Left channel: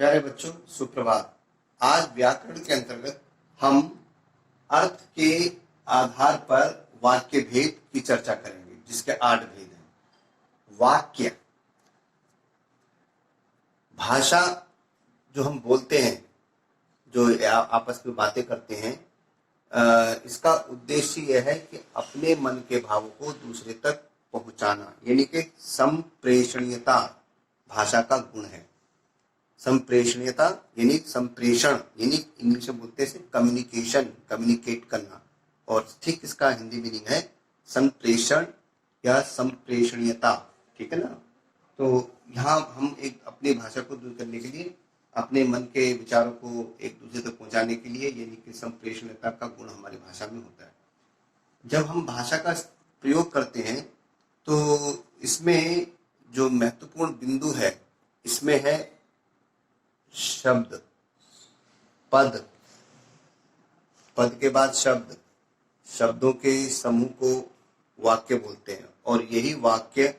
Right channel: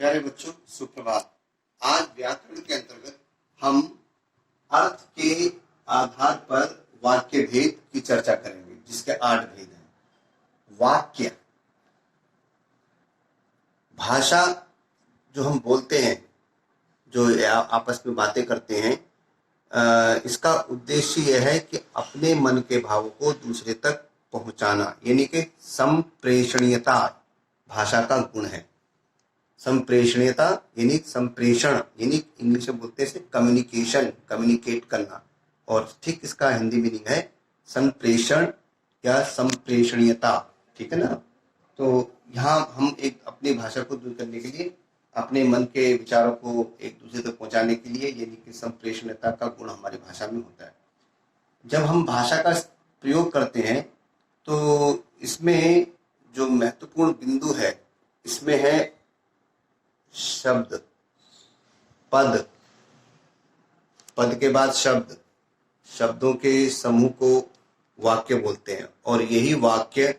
प्यारे बच्चों, सुप्रभात। आज व्याकरण के अंतर्गत हम अर्थ के आधार पर वाक्य भेद की चर्चा करेंगे, जिसके 8 भेद हैं। वाक्य भाषा जो हम बोलते हैं, जो आपस में बातें करते हैं, इसका उद्देश्य यह है कि अपने मन के भावों को दूसरे तक पहुंचाना, यानी कि संप्रेषणीयता भाषा का गुण है। संप्रेषणीयता यानी संप्रेषण, यानी इंग्लिश में बोलते हैं कम्युनिकेशन, कम्युनिकेट करना, और ठीक इसका हिंदी मीनिंग है संप्रेषण या संप्रेषणीयता। ठीक है ना। तो यहाँ हम एक अपनी भाषा को दूर करने के लिए, अपने मन के विचारों को एक दूसरे तक पहुंचाने के लिए, यानी कि संप्रेषणीयता का गुण हमारी भाषा में होता है। जब हम भाषा का प्रयोग करते हैं तो इसमें जो महत्वपूर्ण बिंदु है, इसमें है शब्द, पद, पद के बाद शब्द, शब्दों के समूह को वाक्य बोलते हैं, और यही वाक्य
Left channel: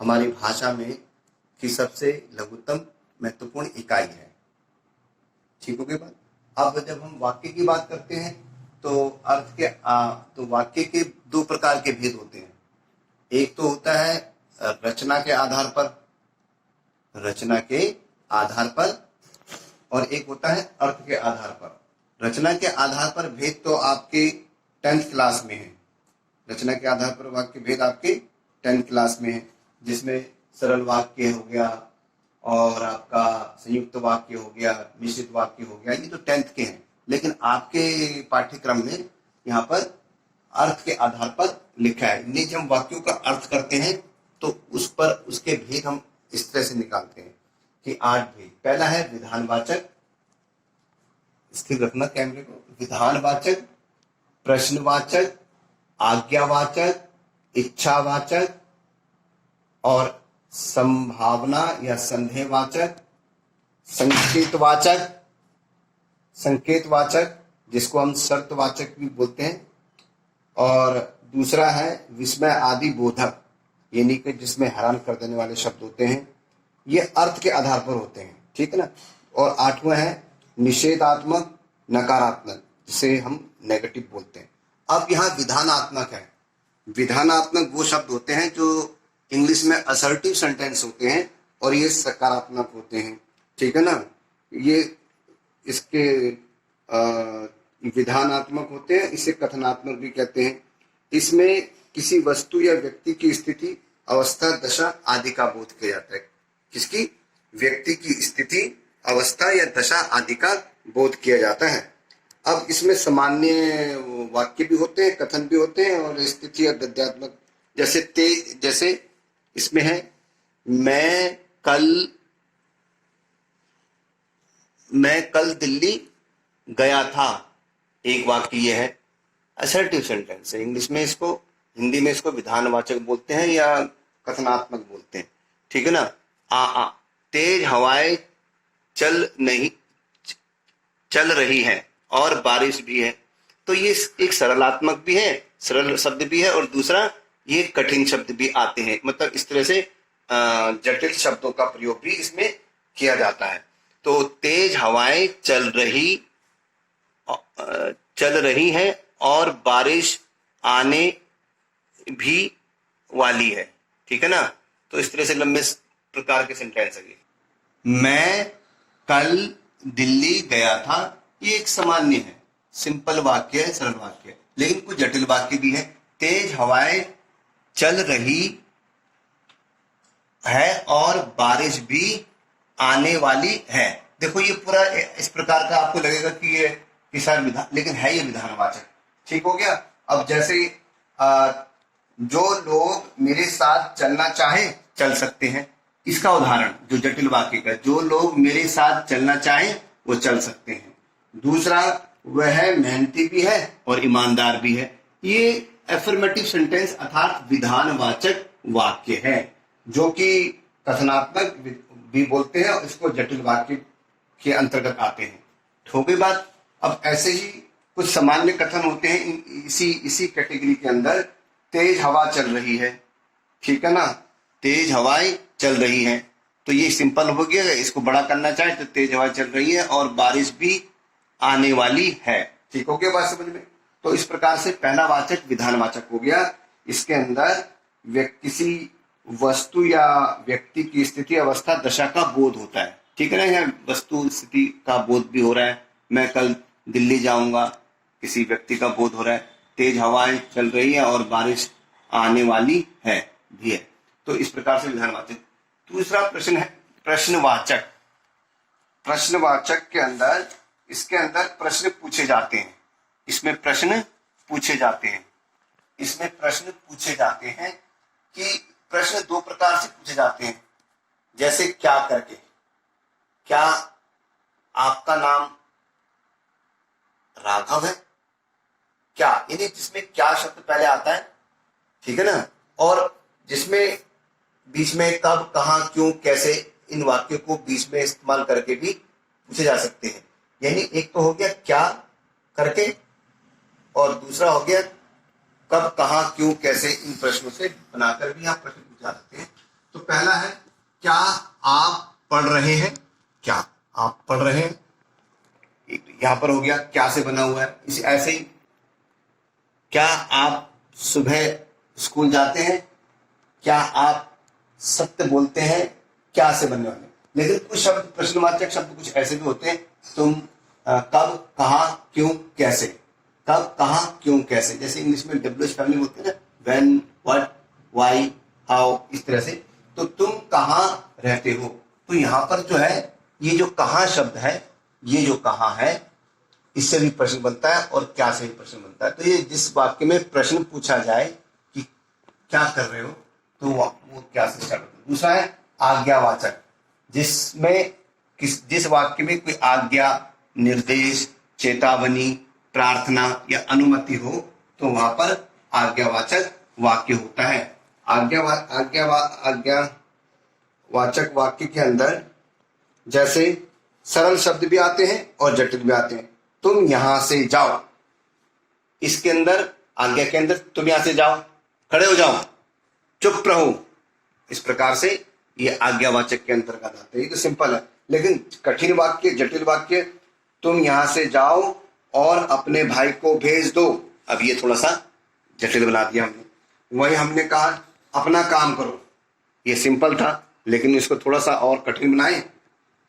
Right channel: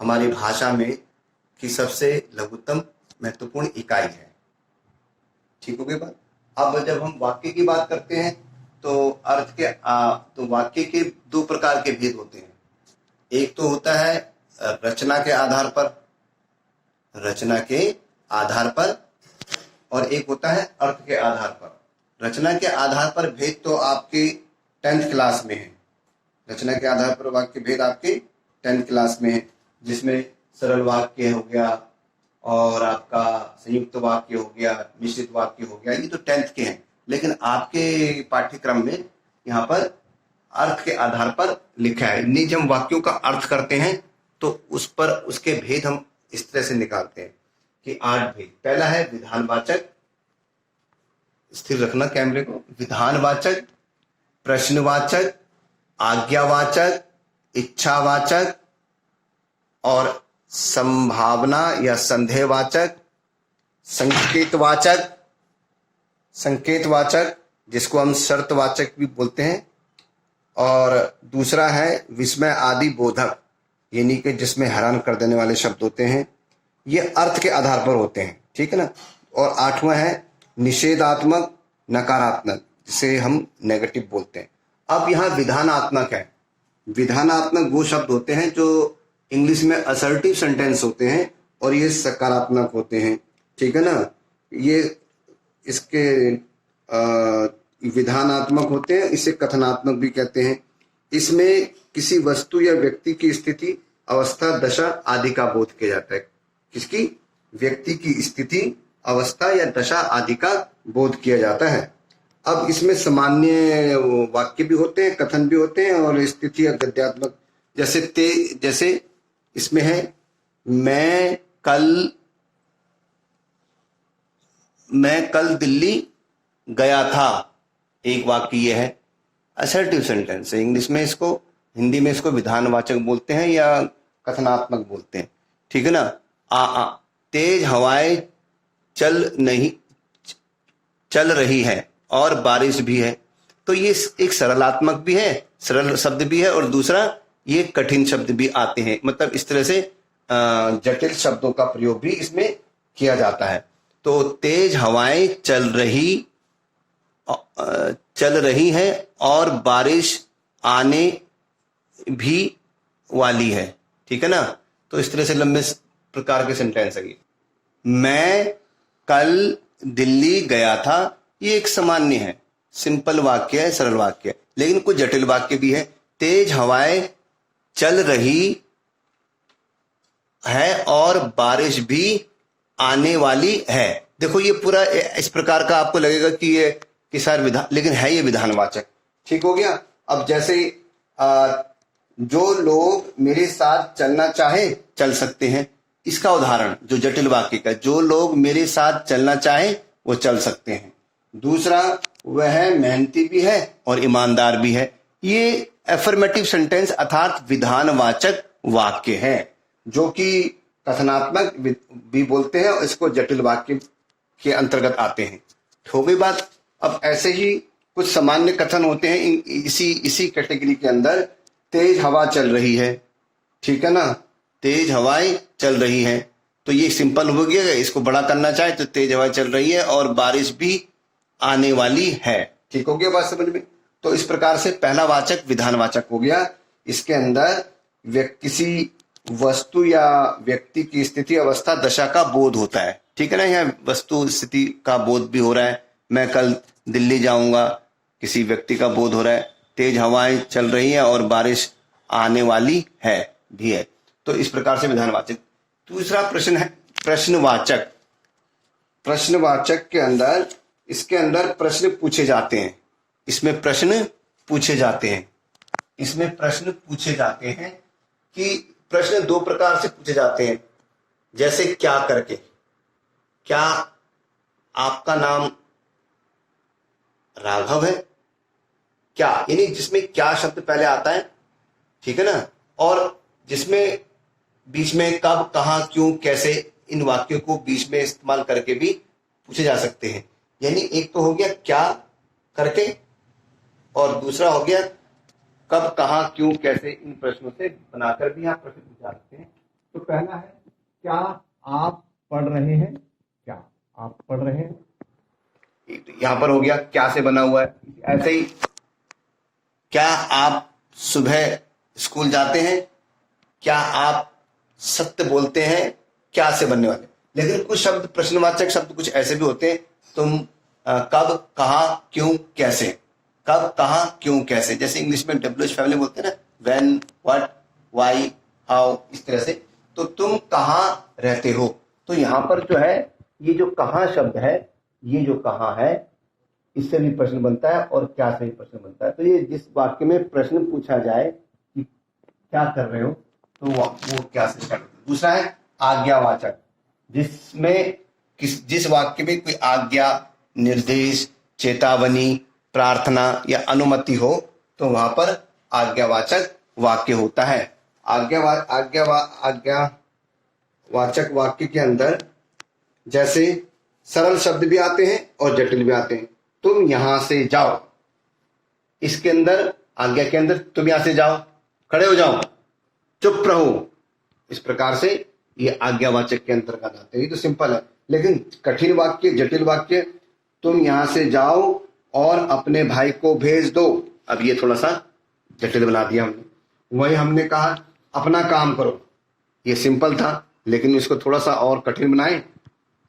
हमारी भाषा में की सबसे लघुत्तम महत्वपूर्ण इकाई है। ठीक हो गई बात। अब जब हम वाक्य की बात करते हैं तो अर्थ के तो वाक्य के 2 प्रकार के भेद होते हैं। एक तो होता है रचना के आधार पर, रचना के आधार पर, और एक होता है अर्थ के आधार पर। रचना के आधार पर भेद तो आपके 10th क्लास में है। रचना के आधार पर वाक्य भेद आपके 10th क्लास में है, जिसमें सरल वाक्य हो गया और आपका संयुक्त वाक्य हो गया, मिश्रित वाक्य हो गया, ये तो 10th के हैं। लेकिन आपके पाठ्यक्रम में यहाँ पर अर्थ के आधार पर लिखा है। नहीं, जब हम वाक्यों का अर्थ करते हैं तो उस पर उसके भेद हम इस तरह से निकालते हैं कि 8 भेद। पहला है विधानवाचक, स्थिर रखना कैमरे को, विधानवाचक, प्रश्नवाचक, आज्ञावाचक, इच्छावाचक और संभावना या संदेहवाचक, संकेतवाचक, संकेतवाचक जिसको हम शर्तवाचक भी बोलते हैं, और दूसरा है विस्मय आदि बोधक, यानी कि जिसमें हैरान कर देने वाले शब्द होते हैं। ये अर्थ के आधार पर होते हैं। ठीक है ना। और 8वां है निषेधात्मक, नकारात्मक, जिसे हम नेगेटिव बोलते हैं। अब यहाँ विधानात्मक है। विधानात्मक वो शब्द होते हैं जो इंग्लिश में असर्टिव सेंटेंस होते हैं, और ये सकारात्मक होते हैं। ठीक है ना। ये इसके विधानात्मक होते हैं, इसे कथनात्मक भी कहते हैं। इसमें किसी वस्तु या व्यक्ति की स्थिति, अवस्था, दशा आदि का बोध किया जाता है। किसकी? व्यक्ति की स्थिति, अवस्था या दशा आदि का बोध किया जाता है। अब इसमें सामान्य वाक्य भी होते हैं, कथन भी होते हैं, और स्थिति या गद्यात्मक, जैसे इसमें है मैं कल दिल्ली गया था। एक वाक्य ये है, असर्टिव सेंटेंस है। इंग्लिश में इसको, हिंदी में इसको विधानवाचक बोलते हैं या कथनात्मक बोलते हैं। ठीक है ना। तेज हवाएं चल रही है और बारिश भी है। तो ये एक सरलात्मक भी है, सरल शब्द भी है, और दूसरा ये कठिन शब्द भी आते हैं। मतलब इस तरह से जटिल शब्दों का प्रयोग भी इसमें किया जाता है। तो तेज हवाएं चल रही है और बारिश आने भी वाली है। ठीक है ना। तो इस तरह से लंबे प्रकार के सेंटेंस है। मैं कल दिल्ली गया था, ये एक सामान्य है, सिंपल वाक्य है, सरल वाक्य है। लेकिन कुछ जटिल वाक्य भी है। तेज हवाएं चल रही है और बारिश भी आने वाली है। देखो ये पूरा इस प्रकार का आपको लगेगा कि ये किसान विधान, लेकिन है ये विधानवाचक। ठीक हो गया। अब जैसे जो लोग मेरे साथ चलना चाहे चल सकते हैं, इसका उदाहरण जो जटिल वाक्य का, जो लोग मेरे साथ चलना चाहे वो चल सकते हैं। दूसरा, वह मेहनती भी है और ईमानदार भी है। ये एफर्मेटिव सेंटेंस अर्थात विधानवाचक वाक्य है, जो कि कथनात्मक भी बोलते हैं, और इसको जटिल वाक्य के अंतर्गत आते हैं। हो गई बात। अब ऐसे ही कुछ सामान्य कथन होते हैं इसी कैटेगरी के अंदर। तेज हवा चल रही है। ठीक है ना। तेज हवाएं चल रही हैं। तो ये सिंपल हो गया। इसको बड़ा करना चाहे तो तेज हवा चल रही है और बारिश भी आने वाली है। ठीक हो गया बात समझ में? तो इस प्रकार से पहला वाचक विधानवाचक हो गया। इसके अंदर किसी वस्तु या व्यक्ति की स्थिति, अवस्था, दशा का बोध होता है। ठीक है ना? यहाँ वस्तु स्थिति का बोध भी हो रहा है। मैं कल दिल्ली जाऊंगा, किसी व्यक्ति का बोध हो रहा है। तेज हवाएं चल रही है और बारिश आने वाली है भी है। तो इस प्रकार से विधानवाचक। दूसरा प्रश्न है प्रश्नवाचक। प्रश्नवाचक के अंदर, इसके अंदर प्रश्न पूछे जाते हैं। इसमें प्रश्न पूछे जाते हैं। इसमें प्रश्न पूछे जाते हैं कि प्रश्न दो प्रकार से पूछे जाते हैं। जैसे क्या करके, क्या आपका नाम राघव है? क्या यानी जिसमें क्या शब्द पहले आता है, ठीक है ना, और जिसमें बीच में कब, कहां, क्यों, कैसे, इन वाक्यों को बीच में इस्तेमाल करके भी पूछे जा सकते हैं। यानी एक तो हो गया क्या करके और दूसरा हो गया कब, कहां, क्यों, कैसे, इन प्रश्नों से बनाकर भी आप प्रश्न पूछ सकते हैं। तो पहला है क्या आप पढ़ रहे हैं? क्या आप पढ़ रहे हैं? यहां पर हो गया क्या से बना हुआ है। ऐसे ही क्या आप सुबह स्कूल जाते हैं? क्या आप सत्य बोलते हैं? क्या से बनने वाले। लेकिन कुछ शब्द प्रश्नवाचक शब्द कुछ ऐसे भी होते हैं। तुम कब, कहां, क्यों, कैसे। कब, कहां, क्यों, कैसे। जैसे इंग्लिश में WH फैमिली बोलते हैं ना, व्हेन, व्हाट, व्हाई, हाउ, इस तरह से। तो तुम कहां रहते हो? तो यहां पर जो है ये जो कहां शब्द है, ये जो कहां है, इससे भी प्रश्न बनता है और क्या से भी प्रश्न बनता है। तो ये जिस वाक्य में प्रश्न पूछा जाए कि क्या कर रहे हो, तो वो क्या से स्टार्ट होता है। दूसरा है आज्ञावाचक, जिसमें जिस वाक्य में कोई आज्ञा, निर्देश, चेतावनी, प्रार्थना या अनुमति हो, तो वहां पर आज्ञावाचक वाक्य होता है। आज्ञावाचक वाक्य के अंदर जैसे सरल शब्द भी आते हैं और जटिल भी आते हैं। तुम यहां से जाओ, इसके अंदर, आज्ञा के अंदर, तुम यहां से जाओ, खड़े हो जाओ, चुप रहो, इस प्रकार से ये आज्ञावाचक के अंतर्गत आते हैं। ये तो सिंपल है। लेकिन कठिन वाक्य, जटिल वाक्य, तुम यहां से जाओ और अपने भाई को भेज दो। अब ये थोड़ा सा जटिल बना दिया हमने। वही हमने कहा अपना काम करो, ये सिंपल था, लेकिन इसको थोड़ा सा और कठिन बनाए।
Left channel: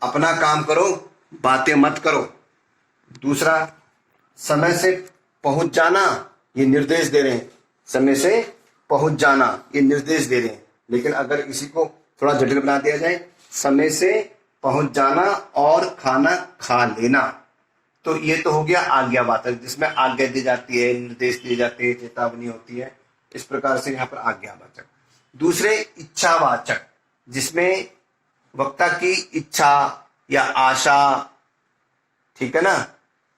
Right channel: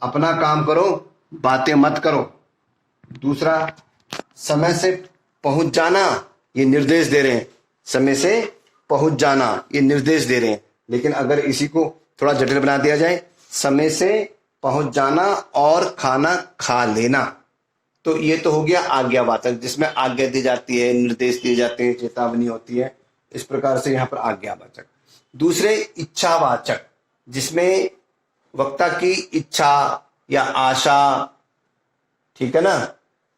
अपना काम करो, बातें मत करो। दूसरा, समय से पहुंच जाना, ये निर्देश दे रहे हैं। समय से पहुंच जाना, ये निर्देश दे रहे हैं। लेकिन अगर इसी को थोड़ा जटिल बना दिया जाए, समय से पहुंच जाना और खाना खा लेना, तो ये तो हो गया आज्ञावाचक, जिसमें आज्ञा दी जाती है, निर्देश दिए जाते हैं, चेतावनी होती है। इस प्रकार से यहाँ पर आज्ञावाचक। दूसरे इच्छावाचक, जिसमें वक्ता की इच्छा या आशा, ठीक है ना,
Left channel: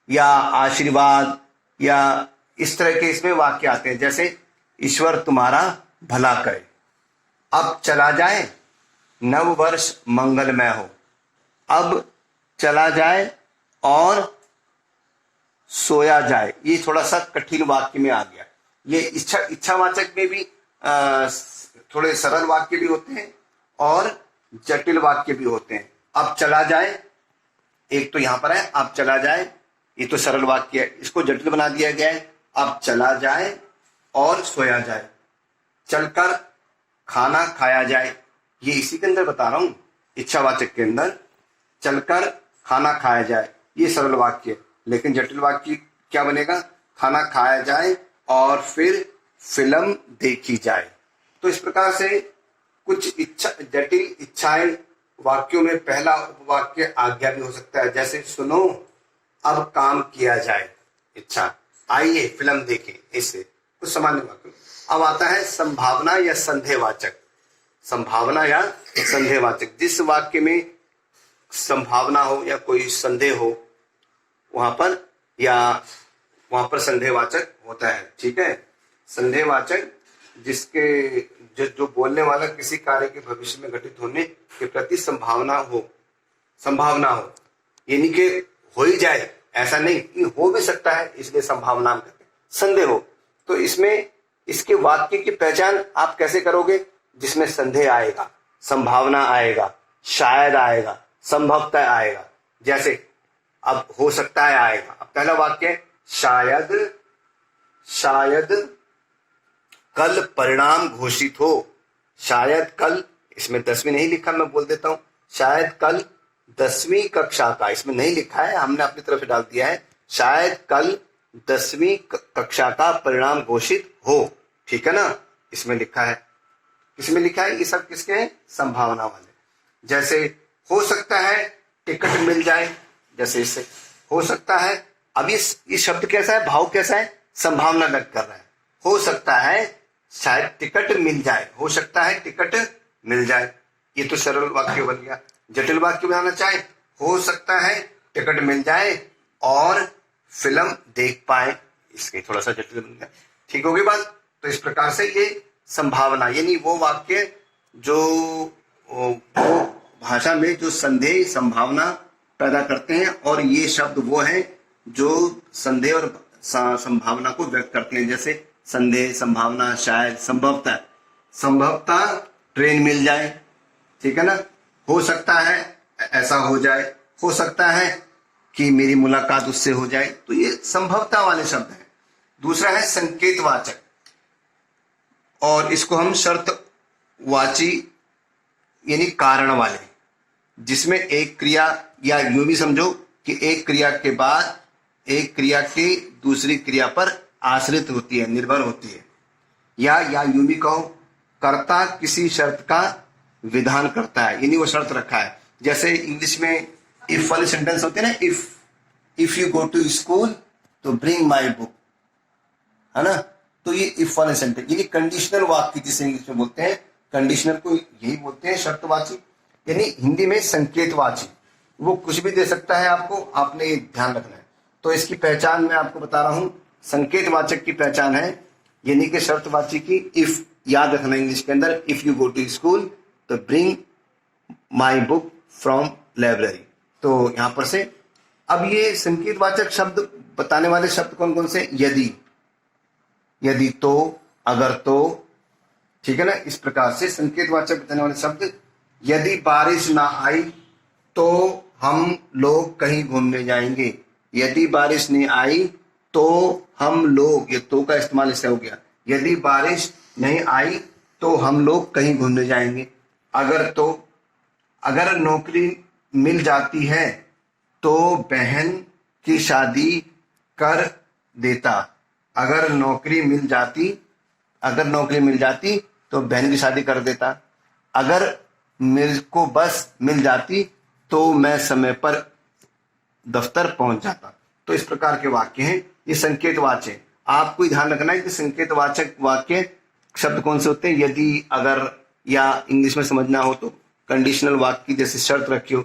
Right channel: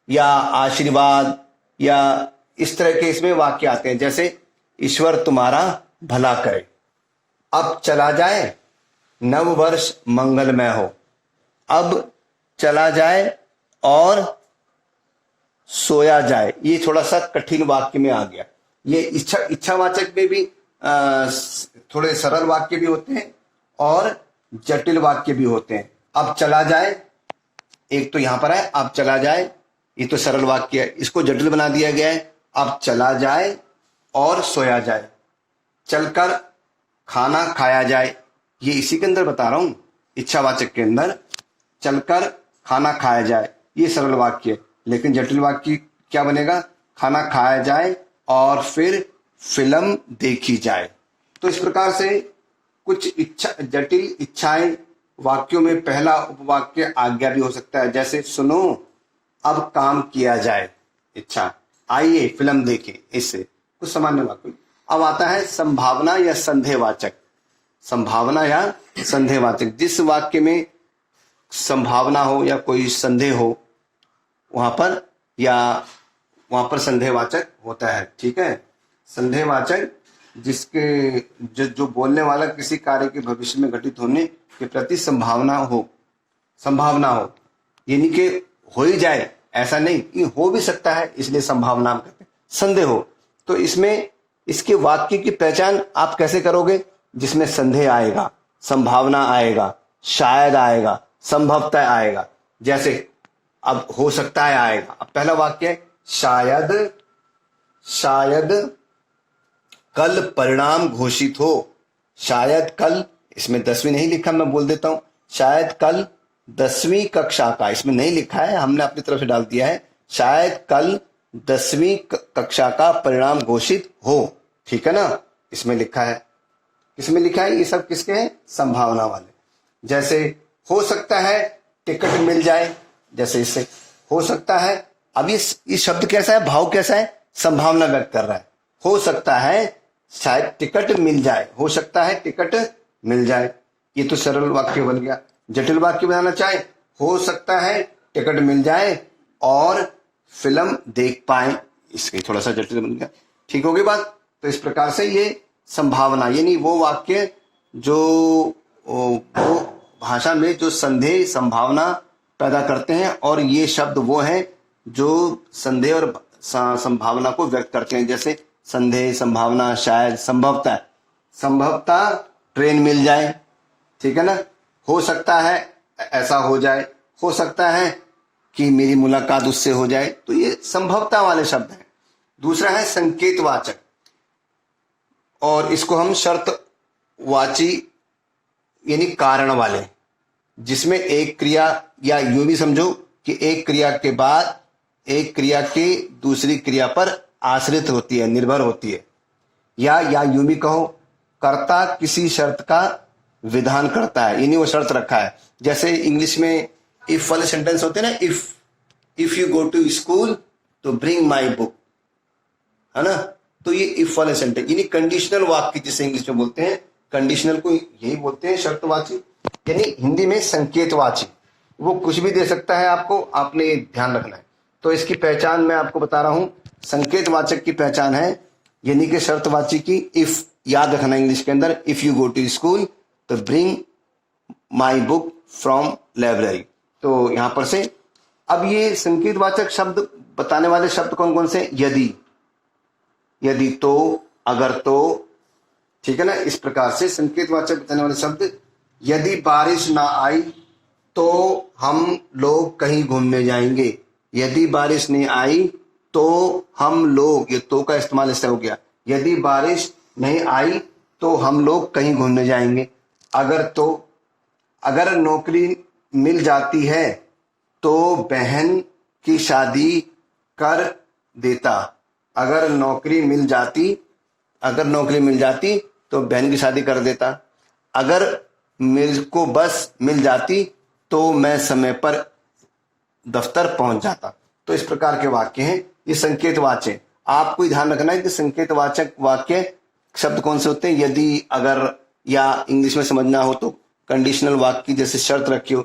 या आशीर्वाद या इस तरह के इसमें वाक्य आते हैं। जैसे ईश्वर तुम्हारा भला करे, अब चला जाए, नव वर्ष मंगलमय हो। अब चला जाए और सोया जाए, ये थोड़ा सा कठिन वाक्य में आ गया। ये इच्छावाचक में भी थोड़े सरल वाक्य भी होते हैं और जटिल वाक्य भी होते हैं। अब चला जाए, एक तो यहां पर है अब चला जाए, ये तो सरल वाक्य है, इसको जटिल बना दिया गया है। अब चला जाए और सोया जाए, चलकर खाना खाया जाए, ये इसी के अंदर बता रहा हूं। इच्छावाचक के अंदर चलकर खाना खाया जाए, ये सरल वाक्य है। लेकिन जटिल वाक्य क्या बनेगा? खाना खाया जाए और फिर फिल्म देखी जाए। तो इस प्रकार से कुछ जटिल इच्छाएं वाक्यों में पहला उपवाक्य आज्ञा भी हो सकता है। जैसे सुनो अब काम किया जाए, इच्छा, आइए फिल्म देखें, इससे कुछ सामान्य वाक्य। अब आता है संभावना या संदेहवाचक। संभावना या संदेहवाचक, जिस वाक्य में संभावना हो या कोई संदेह हो, वहां पर संदेहवाचक होता है। ठीक है, संदेहवाचक जिसके जो बोलने वाला किसी कार्य के भविष्य में घटित होने के प्रति संभावना हो, यानी कि हो ही जाए ऐसा नहीं, ये हो भी सकता है, इसलिए संभावना कहते हैं। संदेह हो, तो इसमें इसके वाक्य की पहचान आप कैसे करोगे? जिसमें संदेह आएगा, संभावना आएगा, शायद आएगा, संभवतः आएगा। जैसे अब हो सकता है आएगा। अब पहला वाक्य है शायद, शायद कल परिणाम घोषित हो। शायद कल, इसमें 10वीं नहीं लिखा, मैं बोल देता हूं, शायद कल 10वीं कक्षा का, इसमें नहीं लिखा है, हमने अपनी तरफ से डाल दिया है, शायद कल 10वीं कक्षा का परिणाम घोषित हो। ठीक है ना, इसमें लिखा है। इसमें लिखा है, ये सब किसके हैं? संभावना वाले। जैसे हो सकता है टिकट मिल जाए, जैसे इससे हो सकता है। अब ये शब्द कैसा है, भाव कैसा है? संभावना व्यक्त कर रहा है। हो सकता है शायद टिकट मिल जाए, हो सकता है टिकट मिल जाए। ये तो सरल वाक्य बन गया। जटिल वाक्य बनाना चाहे, हो सकता है टिकट मिल जाए और फिल्म देख पाए, इसके थोड़ा सा जटिल बन गया। ठीक होगी बात? तो इस प्रकार से ये संभावना, यानी वो वाक्य जो वो भाषा में जो संदेह, संभावना पैदा करते हैं, और ये शब्द वो हैं जो संदेह और संभावना को व्यक्त करते हैं। जैसे संदेह, संभावना, शायद, संभवतः। संभवतः ट्रेन मिल जाए, ठीक है ना। हो सकता है ऐसा हो जाए, हो सकता है कि मेरी मुलाकात उससे हो जाए। तो ये संभवतः वाले शब्द हैं। दूसरा है संकेतवाचक, और इसको हम शर्तवाची यानी कारण वाले, जिसमें एक क्रिया, या यूं भी समझो कि एक क्रिया के बाद एक क्रिया की दूसरी क्रिया पर आश्रित होती है, निर्भर होती है। या यूं भी कहो, कर्ता किसी शर्त का विधान करता है, यानी वो शर्त रखा है। जैसे इंग्लिश में इफ वाले सेंटेंस होते हैं ना, if you go to school तो ब्रिंग माई बुक, है ना। तो ये इफ वाले सेंटेंस, यानी कंडीशनल वाक्य जिसे इंग्लिश में बोलते हैं, कंडीशनल को यही बोलते हैं शर्तवाची, यानी हिंदी में संकेतवाची। वो कुछ भी दे सकता है आपको, आपने ध्यान रखना है। तो इसकी पहचान मैं आपको बता रहा हूं। संकेतवाचक की पहचान है, यानी कि शर्तवाची की इफ, याद रखना इंग्लिश के अंदर, if you go to school तो bring my book from library. तो यहां पर से अब ये संकेतवाचक शब्द बताने वाले शब्द कौन कौन से? यदि, तो, अगर तो, ठीक है ना। इस प्रकार से संकेतवाचक बताने वाले शब्द, यदि बारिश ना आई तो हम लोग कहीं घूमने जाएंगे। यदि बारिश नहीं आई तो हम लोग, ये तो का इस्तेमाल इससे हो गया। यदि बारिश नहीं आई तो हम लोग कहीं घूमने जाएंगे। अगर नौकरी मिल जाती है तो बहन की शादी कर देता। अगर नौकरी मिल जाती तो बहन की शादी कर देता। अगर मेरे को बस मिल जाती तो मैं समय पर दफ्तर पहुंच जाता। तो इस प्रकार के वाक्य हैं, ये संकेतवाचक। आपको ध्यान रखना है कि संकेतवाचक वाक्य शब्द कौन से होते हैं। यदि, अगर, या इंग्लिश में समझना हो तो कंडीशनल वाक्य जैसे शर्त रखी हो,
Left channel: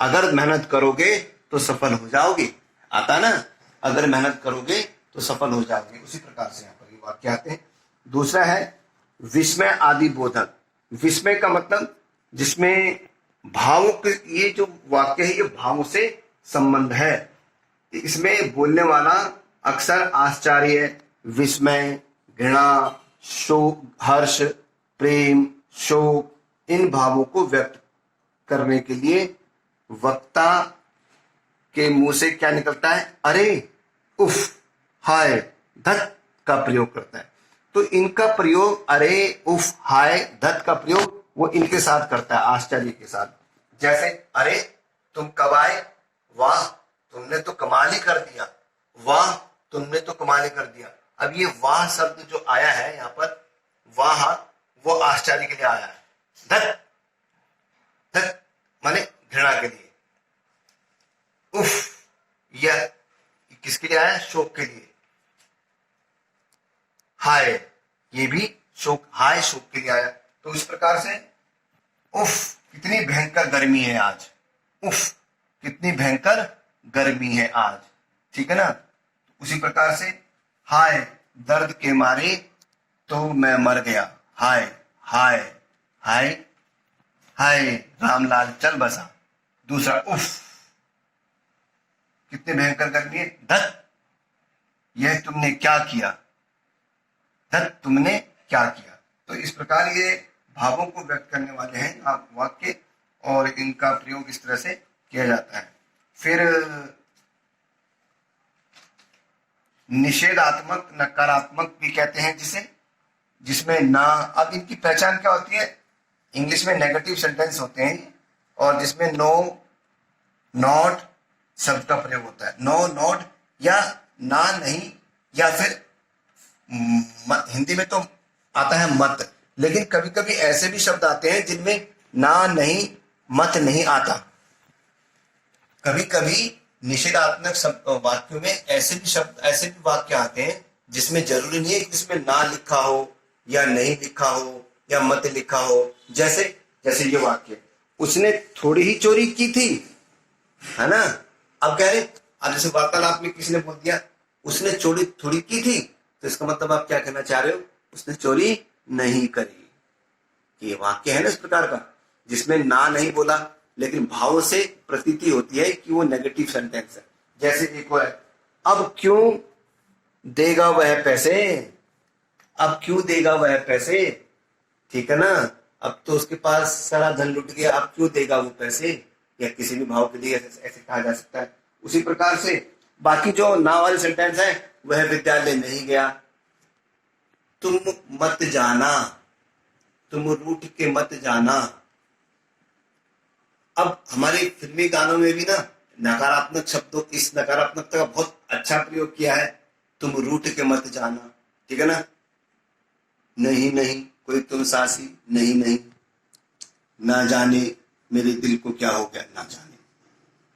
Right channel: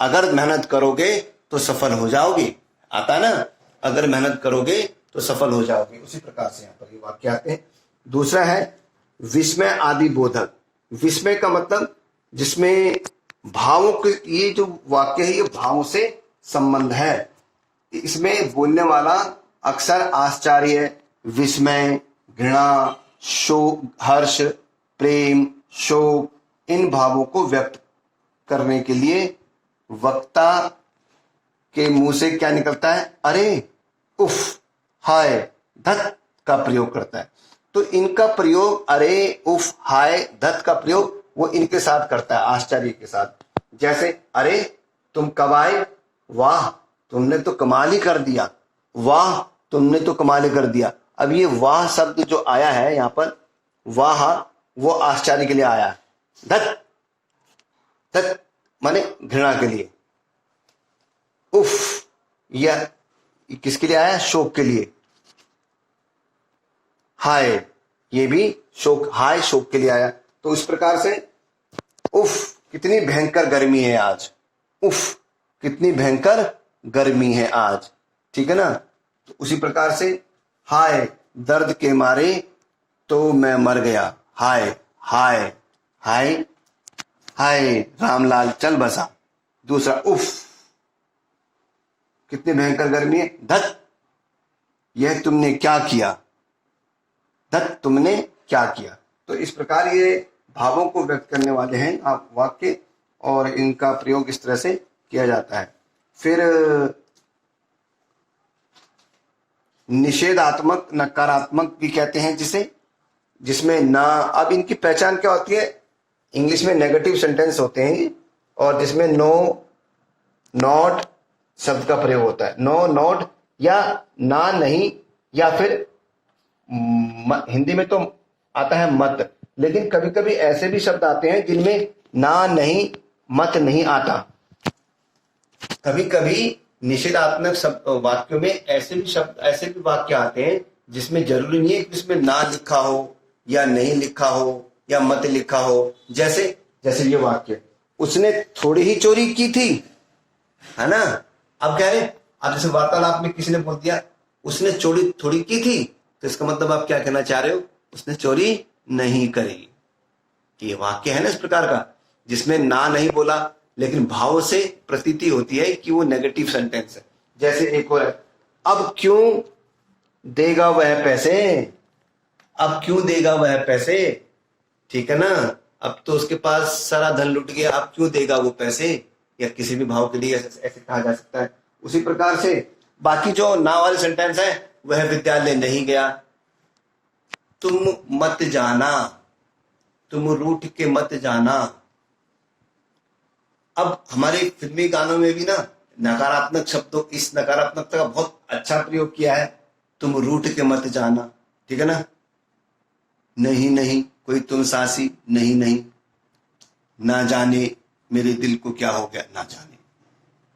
अगर मेहनत करोगे तो सफल हो जाओगे, आता ना, अगर मेहनत करोगे तो सफल हो जाओगे। उसी प्रकार से यहाँ पर ये वाक्य आते हैं। दूसरा है विस्मय आदि बोधक। विस्मय का मतलब जिसमें भावों के, ये जो वाक्य है ये भावों से संबंध है। इसमें बोलने वाला अक्सर आश्चर्य, विस्मय, घृणा, शोक, हर्ष, प्रेम, शोक, इन भावों को व्यक्त करने के लिए वक्ता के मुंह से क्या निकलता है? अरे, उफ, हाय, धत का प्रयोग करता है। तो इनका प्रयोग, अरे, उफ, हाय, धत का प्रयोग वो इनके साथ करता है, आश्चर्य के साथ। जैसे, अरे तुम कब आए? वाह, तुमने तो कमाल ही कर दिया। वाह, तुमने तो कमाल ही कर दिया। अब ये वाह शब्द जो आया है यहाँ पर, वाह, वो आश्चर्य के लिए आया। धत, धत माने घृणा के लिए। उफ, यह किसके लिए आया? शोक के लिए। हाय, ये भी शोक, हाय शोक के लिए आया। तो इस प्रकार से उफ, कितनी भयंकर गर्मी है आज। उफ, कितनी भयंकर गर्मी है आज, ठीक है ना। तो उसी प्रकार से हाय, दर्द के मारे तो मैं मर गया। हाय, हाय, हाय, हाय, रामलाल चल बसा। दूसरा, उफ, कितनी भयंकर गर्मी है। धत, यह तुमने क्या किया। धत, तुमने क्या किया। तो इस प्रकार ये भावों को व्यक्त करने वाले हैं वाक्य। और इनका प्रयोग इस तरह से किया जाता है। फिर निषेधात्मक नकारात्मक भी कहते हैं जिसे, जिसमें ना, अब इनकी पहचान क्या होती है, इंग्लिश में नेगेटिव सेंटेंस होते हैं और जिसमें नो, नॉट शब्द का प्रयोग होता है। नो, नॉट या ना, नहीं, या फिर हिंदी में तो आता है मत, लेकिन कभी कभी ऐसे भी शब्द आते हैं जिनमें ना, नहीं, मत नहीं आता। कभी कभी निषेधात्मक शब्द वाक्यों में ऐसे भी शब्द, ऐसे भी वाक्य आते हैं जिसमें जरूरी नहीं है कि इसमें ना लिखा हो या नहीं लिखा हो या मत लिखा हो। जैसे जैसे ये वाक्य, उसने थोड़ी ही चोरी की थी, है ना। अब कह रहे, अब जैसे वार्तालाप में किसी ने बोल दिया उसने चोरी थोड़ी की थी, तो इसका मतलब आप क्या कहना चाह रहे हो, उसने चोरी नहीं करी। ये वाक्य है ना इस प्रकार का जिसमें ना नहीं बोला, लेकिन भाव से प्रतीति होती है कि वो नेगेटिव सेंटेंस है। जैसे एक और है, अब क्यों देगा वह पैसे, अब क्यों देगा वह पैसे, ठीक है ना। अब तो उसके पास सारा धन लुट गया, अब क्यों देगा वो पैसे, या किसी भी भाव के लिए ऐसे कहा जा सकता है। उसी प्रकार से बाकी जो ना वाले सेंटेंस है, वह विद्यालय नहीं गया, तुम मत जाना, तुम रूठ के मत जाना। अब हमारे फिल्मी गानों में भी ना नकारात्मक शब्दों, इस नकारात्मकता का बहुत अच्छा प्रयोग किया है, तुम रूठ के मत जाना, ठीक है ना। नहीं नहीं कोई तुम सासी, नहीं नहीं, ना जाने मेरे दिल को क्या हो गया, ना जाने,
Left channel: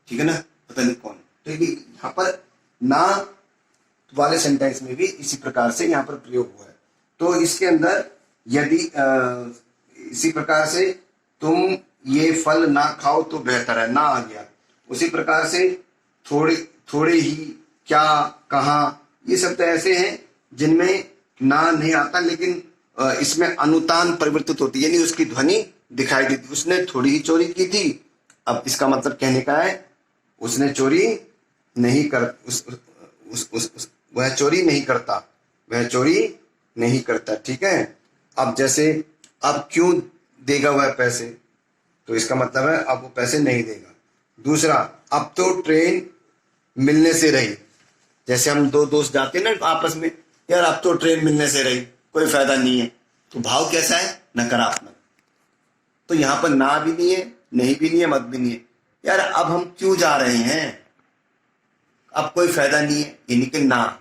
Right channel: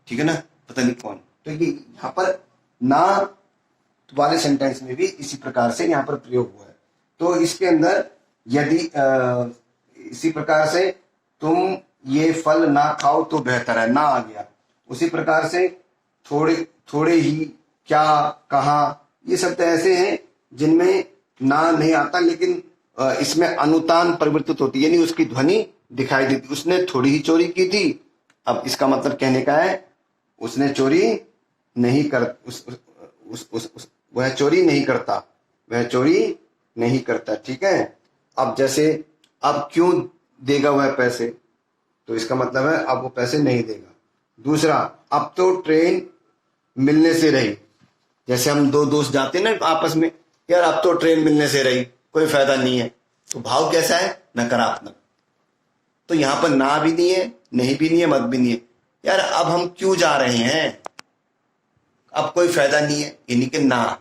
ठीक है ना, पता नहीं कौन। तो ये यहाँ पर ना वाले सेंटेंस में भी इसी प्रकार से यहाँ पर प्रयोग हुआ है। तो इसके अंदर यदि इसी प्रकार से तुम ये फल ना खाओ तो बेहतर है, ना आ गया। उसी प्रकार से थोड़े थोड़े ही, क्या, कहाँ, ये शब्द ऐसे हैं जिनमें ना नहीं आता, लेकिन इसमें अनुतान परिवर्तित होती है, यानी उसकी ध्वनि दिखाई देती। उसने थोड़ी ही चोरी की थी, अब इसका मतलब कहने का है उसने चोरी नहीं कर, वह चोरी नहीं करता, वह चोरी नहीं करता, ठीक है। अब जैसे अब क्यों देगा वह पैसे, तो इसका मतलब है अब वो पैसे नहीं देगा। दूसरा, अब तो ट्रेन मिलने से रही, जैसे हम दो दोस्त जाते हैं ना आपस में, यार अब तो ट्रेन मिलने से रही, कोई फायदा नहीं है, तो भाव कैसा है, नकारात्मक। तो यहां पर ना भी नहीं है, नहीं भी नहीं है, मत भी नहीं है, यार अब हम क्यों जा रहे हैं, अब कोई फायदा नहीं है, यानी कि ना,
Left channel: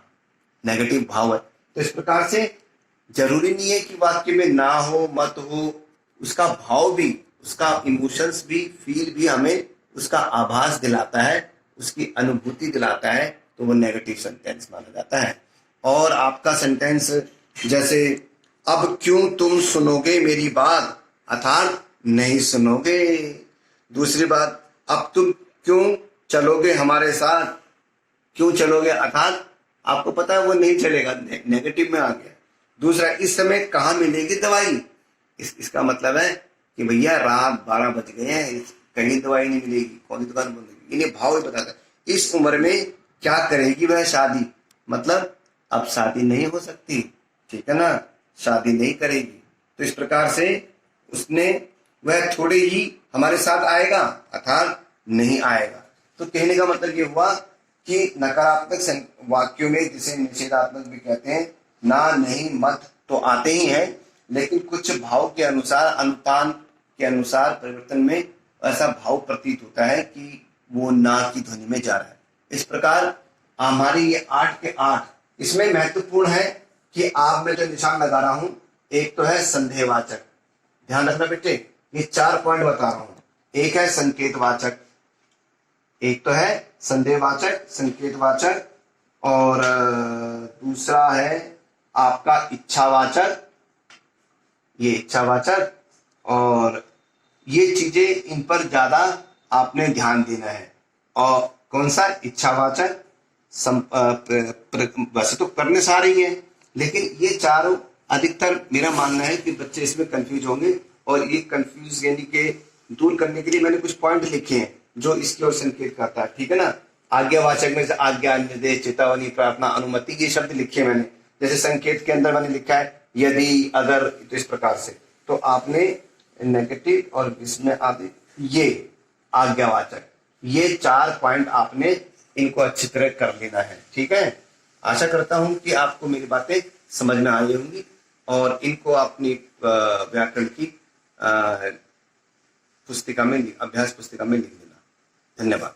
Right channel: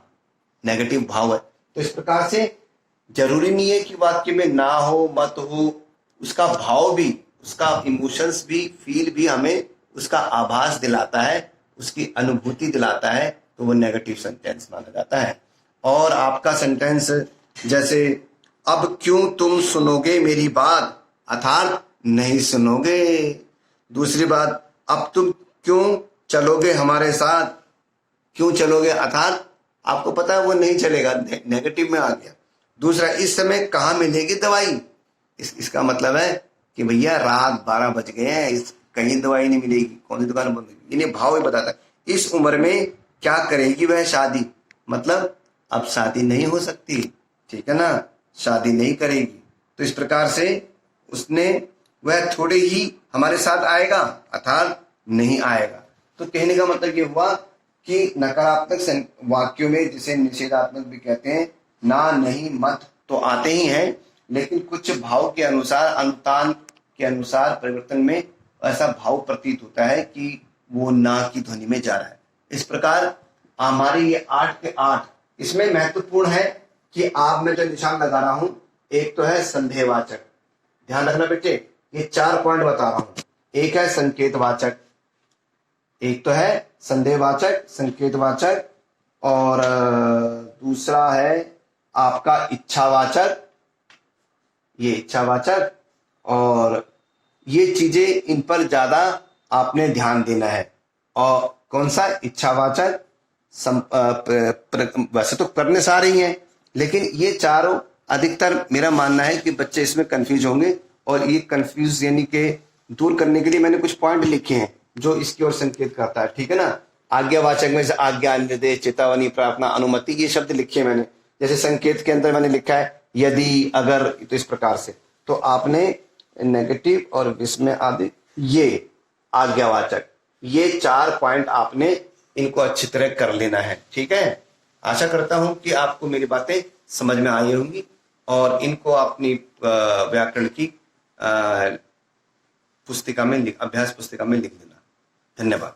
नेगेटिव भाव है। तो इस प्रकार से जरूरी नहीं है कि वाक्य में ना हो, मत हो, उसका भाव भी, उसका इमोशंस भी, फील भी हमें उसका आभास दिलाता है, उसकी अनुभूति दिलाता है, तो वो नेगेटिव सेंटेंस माना जाता है। और आपका सेंटेंस जैसे, अब क्यों तुम सुनोगे मेरी बात, अर्थात नहीं सुनोगे। दूसरी बात, अब तुम क्यों चलोगे हमारे साथ, क्यों चलोगे, अर्थात आपको पता है वो नहीं चलेगा, नेगेटिव में आ गया। दूसरा, इस समय कहाँ मिलेगी दवाई, इसका मतलब है कि भैया रात 12 बज गए हैं, कहीं दवाई नहीं मिलेगी, कौन सी दुकान बंद होगी। इन्हें भाव ही बताता है। इस उम्र में क्या करेगी वह शादी, मतलब अब शादी नहीं हो सकती, ठीक है ना, शादी नहीं करेगी। तो इस प्रकार से उसने, वह थोड़े ही हमारे साथ आएगा, अर्थात नहीं आएगा। तो कहने का मतलब ये हुआ कि नकारात्मक वाक्यों में, जिसे निषेधात्मक भी कहते हैं, ना, नहीं, मत तो आते ही हैं, लेकिन कुछ भाव के अनुसार, अनुतान के अनुसार परिवर्तन में ऐसा भाव प्रतीत होता है कि वो ना की ध्वनि में जा रहा है। इस प्रकार हमारे ये 8 के 8, इसमें महत्वपूर्ण है कि आप में जो निशान लगा रहा हूं, एक तो है संदेहवाचक, ध्यान रखना बेटे, ये 4 पॉइंट बता रहा हूं। एक है संकेतवाचक, एक तो है संदेहवाचक, संकेतवाचक, और दूसरा है आपका इच्छावाचक, ये इच्छावाचक। और ये चीजें, इन पर ज्यादा आपने ध्यान देना है। और कौन सा, इच्छावाचक, वैसे तो करने सारे ही हैं, लेकिन ये चारों अधिकतर मेरा मानना है कि बच्चे इसमें कंफ्यूज होंगे, और ये कंफ्यूज यानी कि दूर करने के लिए मैंने कुछ पॉइंट लिखे हैं जो इसकी ओर संकेत करता है, ठीक है ना। आज्ञावाचक में से आज्ञा, निर्देश, चेतावनी, प्रार्थना, अनुमति, ये शब्द लिखे मैंने। जैसे संकेत के अंदर मैंने लिखा है यदि, अगर, तो इस प्रकार से। तो आपने नेगेटिव और विस्मय आदि ये आज्ञावाचक, ये 4 पॉइंट आपने इनको अच्छी तरह कर लेना है। ठीक है, आशा करता हूं कि आपको मेरी बातें समझ में आई होंगी और इनको अपनी व्याकरण की पुस्तिका में, अभ्यास पुस्तिका में लिख देना। धन्यवाद।